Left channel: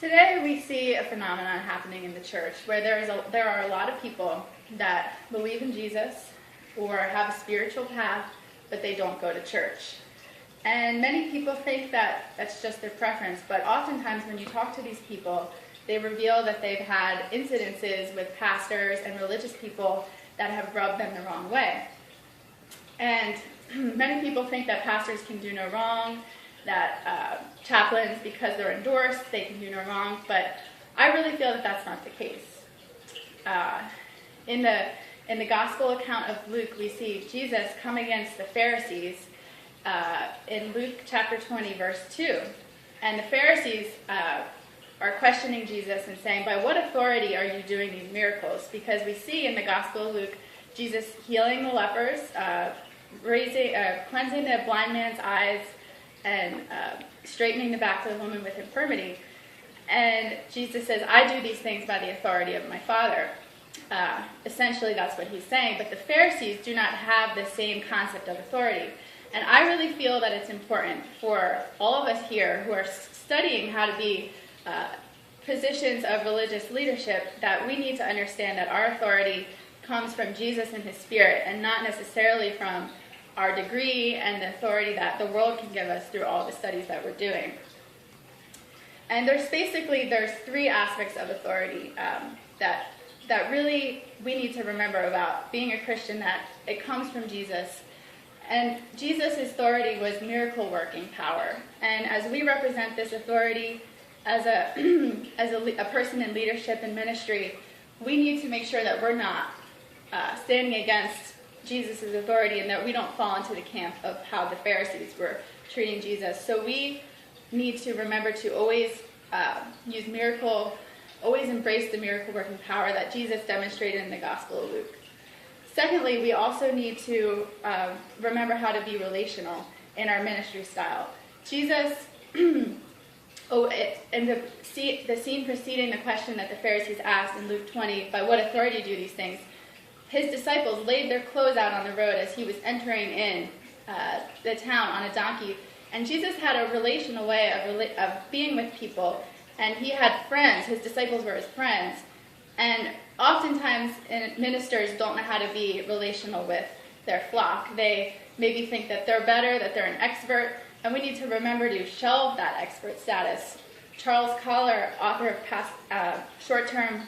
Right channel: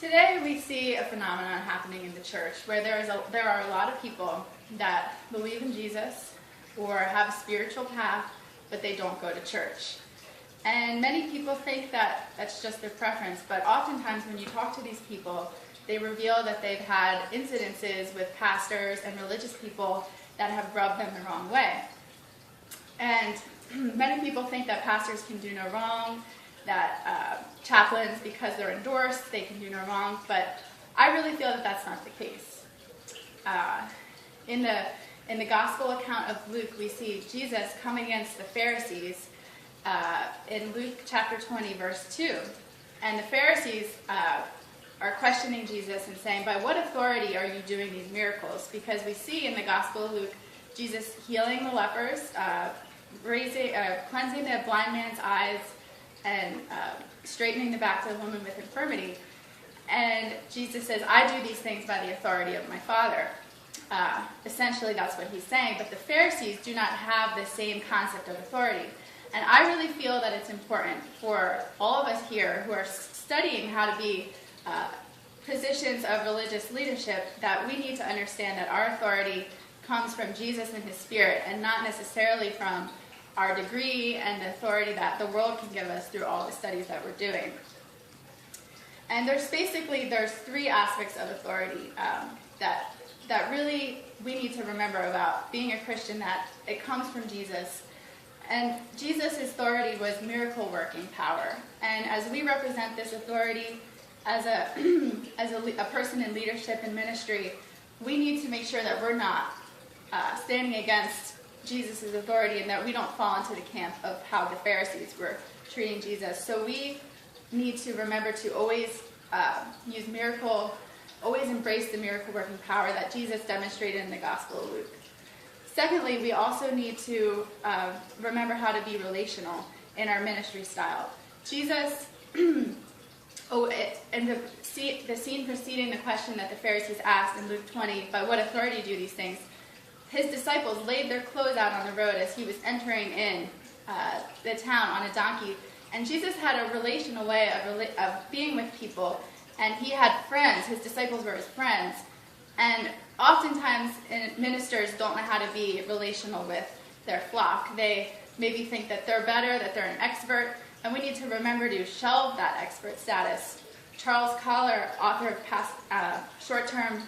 Today we see a phenomenon happening in the church where there are a lot of people that believe in Jesus or have a spiritual path, but they don't go to church. And many people think that that's just their preference, but oftentimes when you talk to these people, they reveal that they've had incidences with pastors and religious people that have rubbed them the wrong way. And many people think that pastors can do no wrong, that chaplains, because they're endorsed, they can do no wrong, but I really feel that that's not the case. In the gospel account of Luke, we see Jesus come against the Pharisees in Luke chapter 20, verse 2. And the Pharisees are questioning Jesus and saying, by what authority are you doing these miracles? Because we see in the gospel of Luke, Jesus healing the lepers, cleansing the blind man's eyes, and straightening the back of the woman with infirmity. And Jesus says, I do these things by the authority of my Father. Essentially, that's what he's saying. But the Pharisees do not have the same concept of authority. And I really feel that it's important for all of us here who are studying how to be positions of religious leadership that we need to understand that our authority comes from Jesus and his Spirit and not necessarily from our degree and the authority that the world can give us through all the studies that we're doing. And there's three aspects of authority that really we need to remember about being a Christian, that it comes from Jesus. And Jesus' authority was miracle-working power. And as we represent this authority as a person in leadership and ministry, we need to make sure that we're not standing against Jesus' authority and that we don't fall into the camp of how the Pharisees were treating Jesus. So we need to remember to always always embrace the miracle-working power that Jesus demonstrated in the Gospel of Luke. Secondly, we also need to remember how to be relational in our ministry style. Jesus, and the scene preceding the question that the Pharisees asked in Luke 20, by what authority do these things? His disciples laid their clothes out on the road as he was entering in the town on a donkey. And Jesus had a relational way of being with people. And he had friends. His disciples were his friends. And oftentimes ministers don't know how to be relational with their flock. They maybe think that they're better, that they're an expert. And we need to remember to shelve that expert status. Charles Collar, author of Short-Term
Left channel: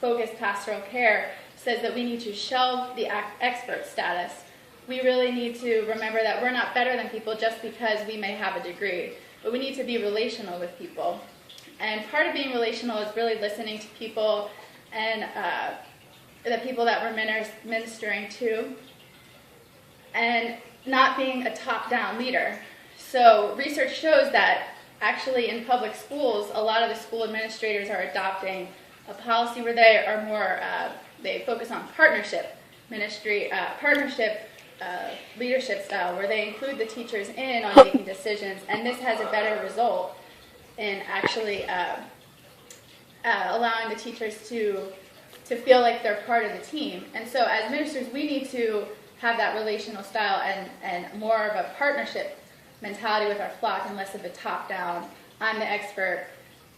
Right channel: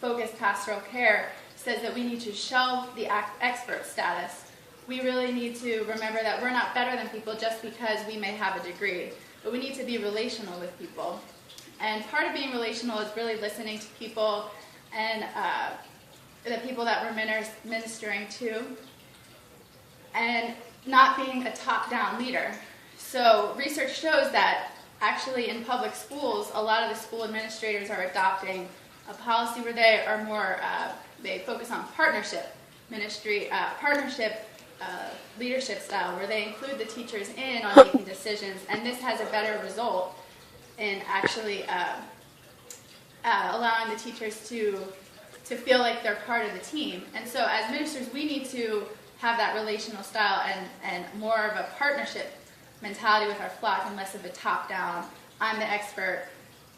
Focused Pastoral Care, says that we need to shelve the expert status. We really need to remember that we're not better than people just because we may have a degree, but we need to be relational with people. And part of being relational is really listening to people and the people that we're ministering to, and not being a top-down leader. So research shows that actually in public schools, a lot of the school administrators are adopting a policy where they are more they focus on partnership leadership style, where they include the teachers in on making decisions, and this has a better result in actually allowing the teachers to feel like they're part of the team. And so as ministers, we need to have that relational style and more of a partnership mentality with our flock and less of a top-down, I'm the expert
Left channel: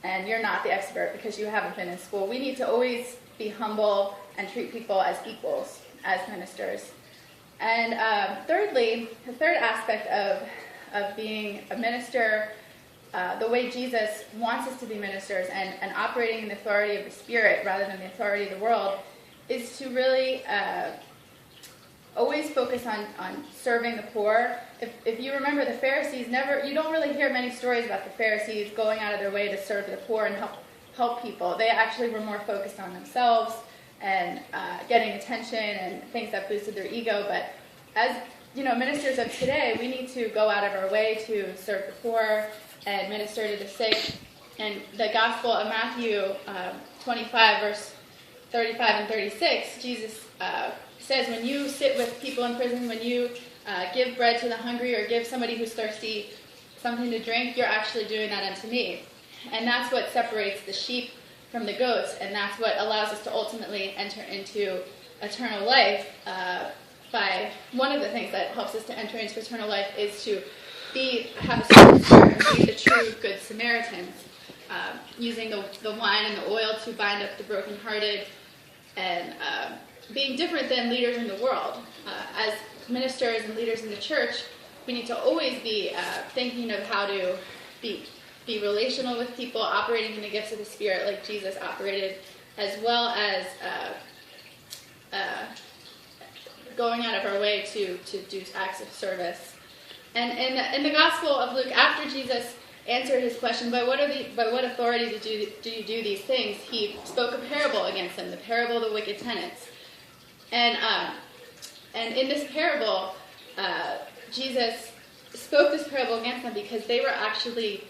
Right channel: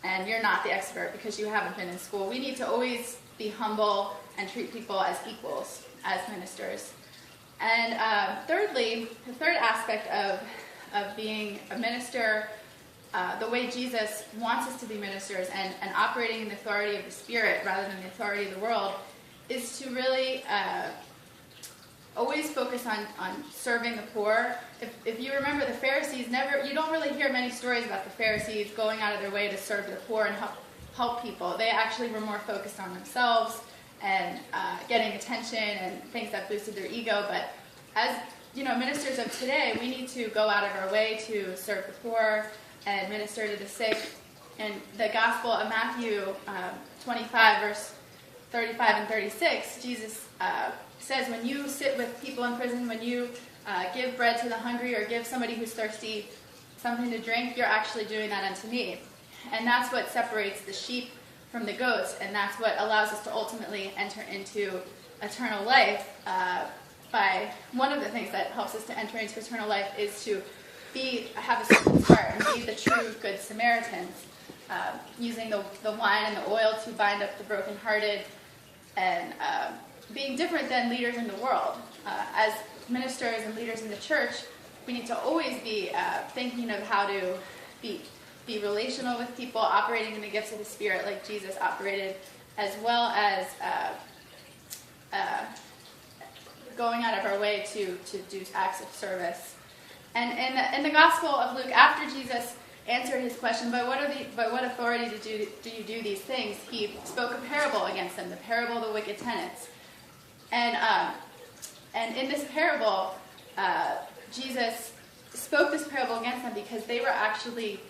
and you're not the expert because you haven't been in school. We need to always be humble and treat people as equals as ministers. And thirdly, the third aspect of being a minister, the way Jesus wants us to be ministers and operating in the authority of the Spirit rather than the authority of the world, is to really always focus on serving the poor. If you remember, the Pharisees you don't really hear many stories about the Pharisees going out of their way to serve the poor and help people. They actually were more focused on themselves and getting attention and things that boosted their ego. But as ministers of today, we need to go out of our way to serve the poor and minister to the sick. In the Gospel of Matthew 25, verse 35 and 36, Jesus says, when you sit with people in prison, when you give bread to the hungry or give somebody who's thirsty something to drink, you're actually doing that unto me. And that's what separates the sheep from the goats, and that's what allows us to ultimately enter into eternal life. By one of the things that helps us to enter into eternal life is to have a servant's heart and be the true good Samaritans. using the wine and the oil to bind up the brokenhearted, and being different than leaders in the world. As ministers and leaders in the church, we need to always be thinking of how to be relational with people, operating in the gifts of the Spirit like Jesus operated, as well as going out of our way to do acts of service. And in the Gospel of Luke, after Jesus answered his question, by what authority do you do these things, he spoke a parable against them, the parable of the wicked tenants. And in this parable, Jesus spoke this parable against them because they were actually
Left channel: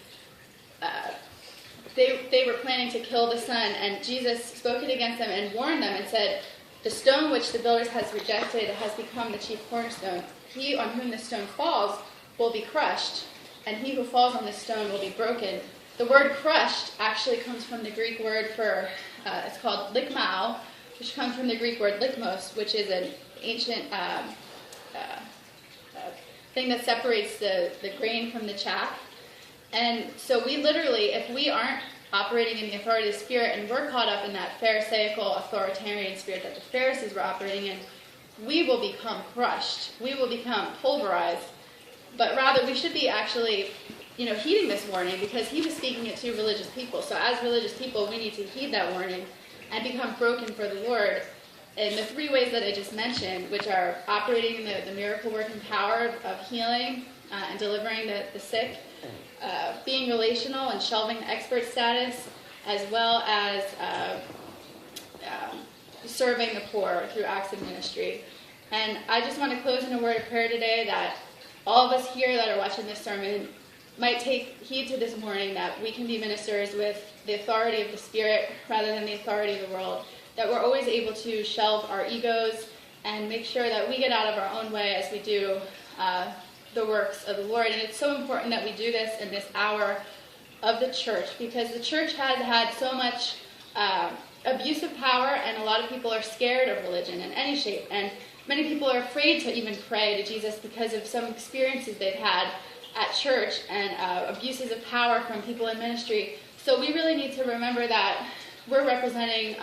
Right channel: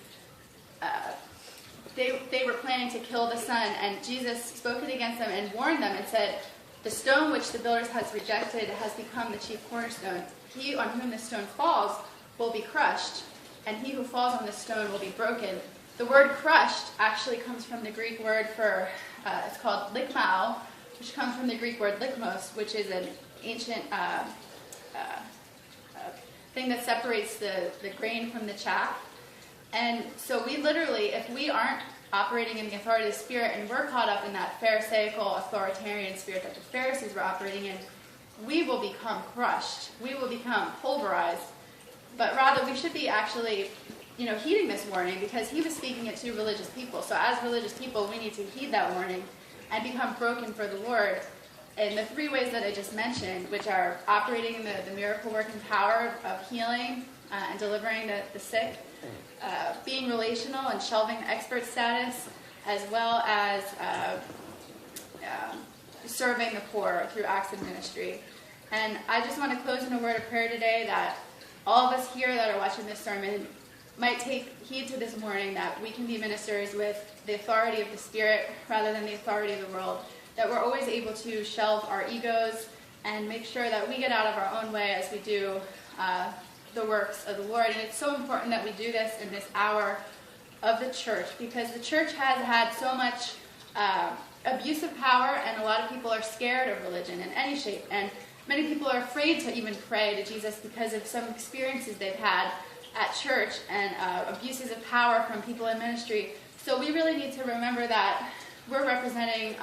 they were planning to kill the son, and Jesus spoke it against them and warned them and said, "The stone which the builders has rejected has become the chief cornerstone. He on whom the stone falls will be crushed, and he who falls on the stone will be broken." The word crushed actually comes from the Greek word for, it's called likmao, which comes from the Greek word likmos, which is an ancient thing that separates the grain from the chaff. And so we literally, if we aren't operating in the authority of the Spirit and we're caught up in that Pharisaical authoritarian spirit that the Pharisees were operating in, we will become crushed. We will become pulverized. But rather, we should be actually, heeding this warning, because he was speaking it to religious people. So as religious people, we need to heed that warning and become broken for the Lord in the three ways that I just mentioned, which are operating in the miracle-working power of healing and delivering the sick, being relational and shelving the expert status, as well as serving the poor through acts of ministry. And I just want to close in a word of prayer today that all of us here that are watching this sermon might take heed to this morning, that we can be ministers with the authority of the Spirit rather than the authority of the world, that we're always able to shelve our egos and make sure that we get out of our own way as we do the works of the Lord. And it's so important that we do this in this hour of the church, because the church has had so much abuse of power, and a lot of people are scared of religion in any shape. And many people are afraid to even pray to Jesus because of some experiences they've had at church and abuses of power from people in ministry. So we really need to remember that we're representing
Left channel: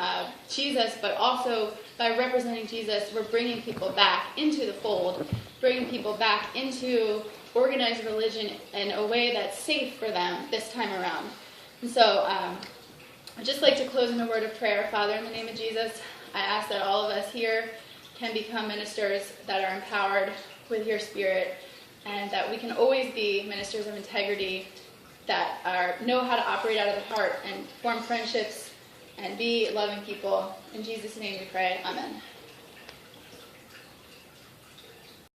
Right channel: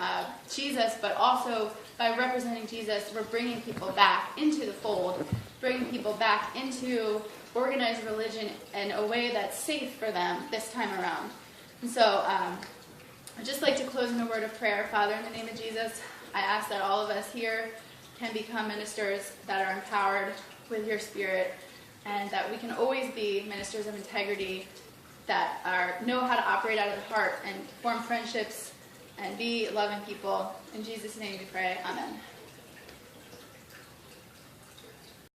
Jesus, but also by representing Jesus, we're bringing people back into the fold, bringing people back into organized religion in a way that's safe for them this time around. And so I'd just like to close in a word of prayer. Father, in the name of Jesus, I ask that all of us here can become ministers that are empowered with your Spirit, and that we can always be ministers of integrity that know how to operate out of the heart and form friendships and be loving people. In Jesus' name we pray. Amen.